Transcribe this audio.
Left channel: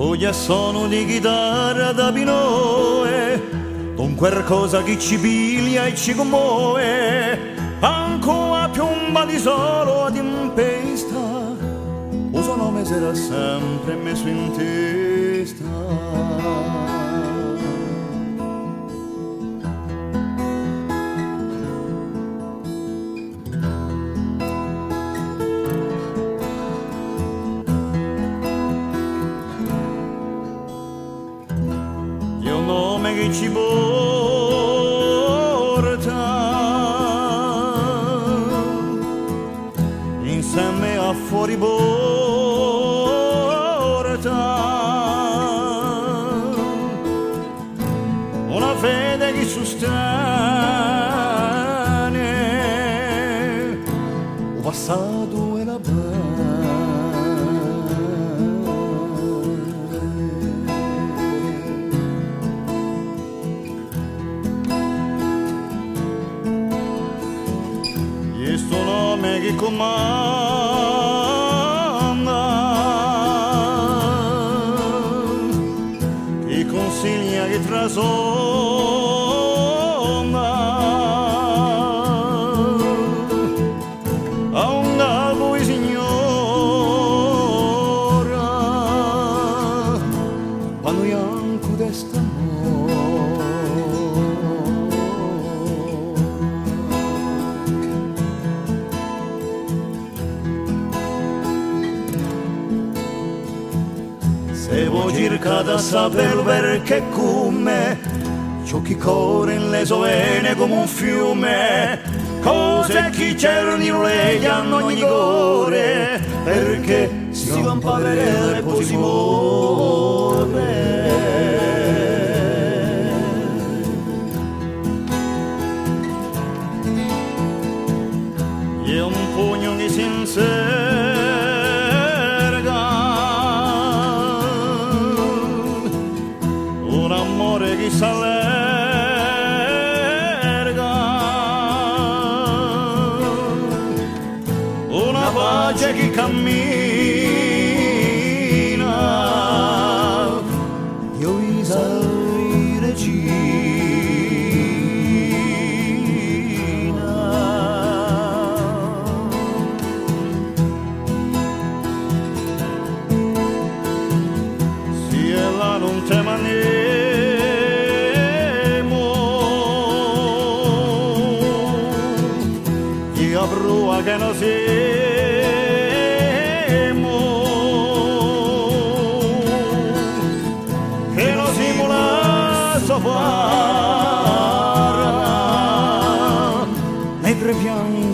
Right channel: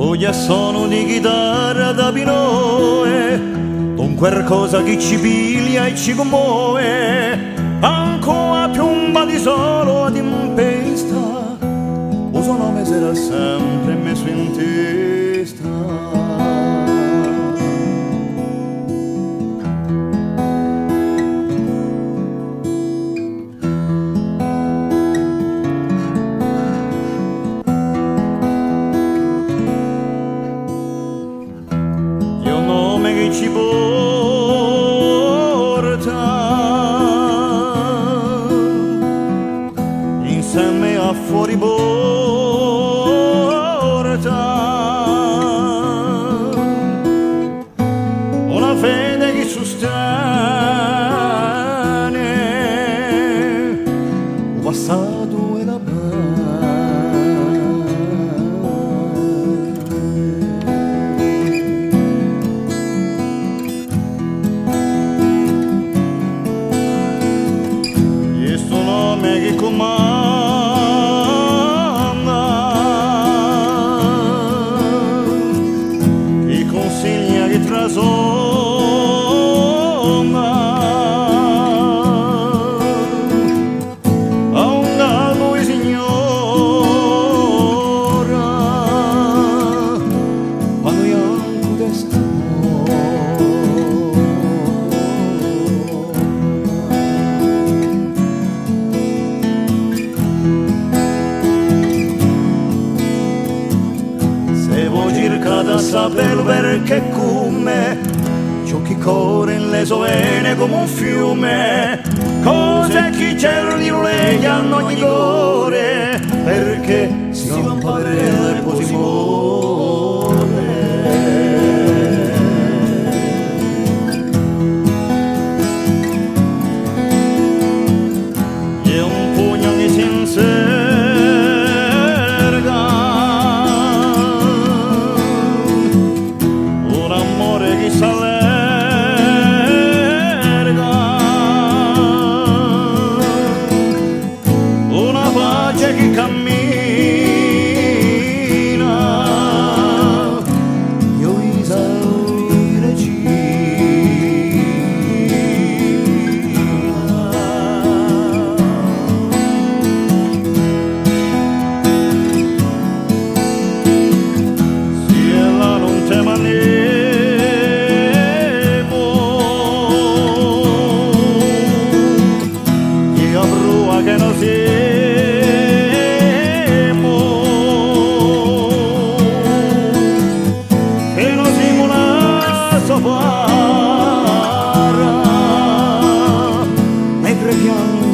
Oggi sono di chitarra da pinoe, con qualcosa che ci piglia e ci commuove, ancora piomba di solo ad impesta, il suo nome sarà sempre messo in testa. Che ci porta insieme a fuori porta una fede che sostiene il passato e la questo nome che comanda, che consiglia, che trasonda a un gallo e signora quando bianco d'estate. Se vuoi cercare a sapere perché come ciò che corre in le sue vene come un fiume, cose che cerni legano ogni cuore, perché si va un padre e poi si muore. E un pugno che si un amore che s'allarga, una pace che cammina, io esauri regina. Si è là non te mani a brua che non siamo, che non siamo la sopra, nei tre piani